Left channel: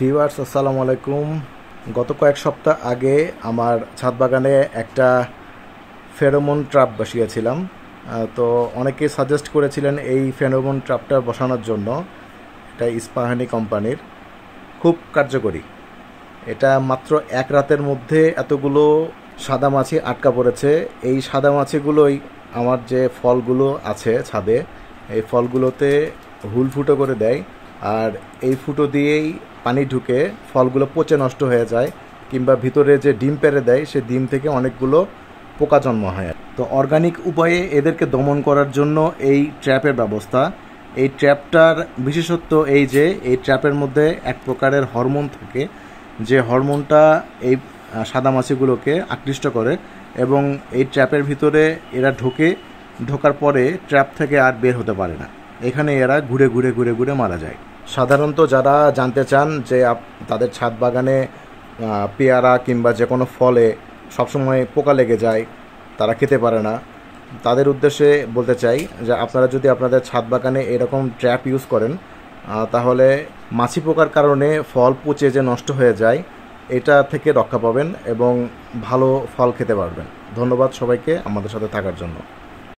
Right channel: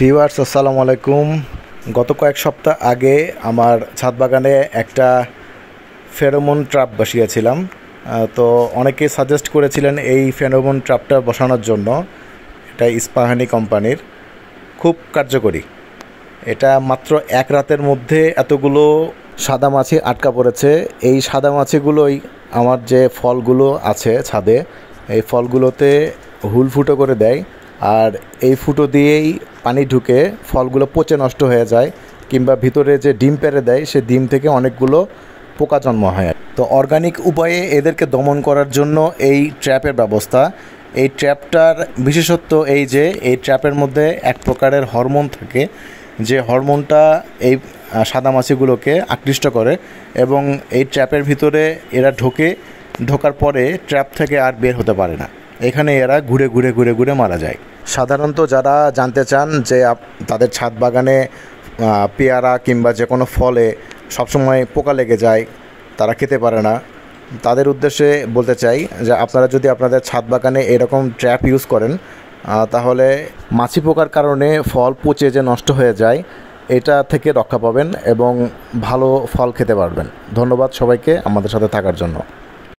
Viewers আসসালামু আলাইকুম। গত কয়েক সপ্তাহ আগে আমার ছাদ বাগানে একটা ফেরোমন ট্র্যাপ বসিয়েছিলাম। তো অনেকে সাজেস্ট করেছিলেন এই ফেরোমন ট্র্যাপটা বসানোর জন্য। এটা ইস্পাহানি কোম্পানির, খুব কার্যকরী। এটা মাত্র এক রাতের মধ্যে এতগুলো সাদা মাছি আটকা পড়েছে। এই সাদা মাছিগুলোই আমার যে ফলগুলো আছে ছাদে, এই ফলগুলোতে হুল ফুটো করে দেয়। আর এই ফুটো দিয়েই পানি ঢুকে ফলগুলো পচে নষ্ট হয়ে যায়, কিংবা ভিতরে যে ডিম পেড়ে দেয় সে ডিম থেকে অনেকগুলো পোকা জন্ম হয়। তো অর্গানিক উপায়ে এদেরকে দমন করার জন্য এই ট্র্যাপের ব্যবস্থা। এই ট্র্যাপটার বিশেষত্ব এই যে এই ট্র্যাপের মধ্যে এক প্রকারের হরমোন থাকে, যে হরমোনটা এই সাদা মাছিগুলোকে আকৃষ্ট করে, এবং এই ট্র্যাপের ভিতরে এরা ঢোকার পরে ট্র্যাপ থেকে আর বের হতে পারে না। এখানে এরা ঘুরে ঘুরে ঘুরে ঘুরে মারা যায়। সাধারণত যারা জানতে চান যে তাদের ছাদ বাগানে পেয়ারা কিংবা যে কোনো ফলে সবসময় পোকা লেগে যায়, তারা খেতে পারে না, তাদের উদ্দেশ্যে বলতে চাই যে আপনারা যদি আপনাদের ছাদ বাগানে এরকম ট্র্যাপ ইউজ করেন, তাহলে মাছি পোকার কারণে ফল পচে যে নষ্ট হয়ে যায়, এটা থেকে রক্ষা পাবেন এবং ভালো ফল খেতে পারবেন। ধন্যবাদ সবাইকে আমাদের সাথে থাকার জন্য।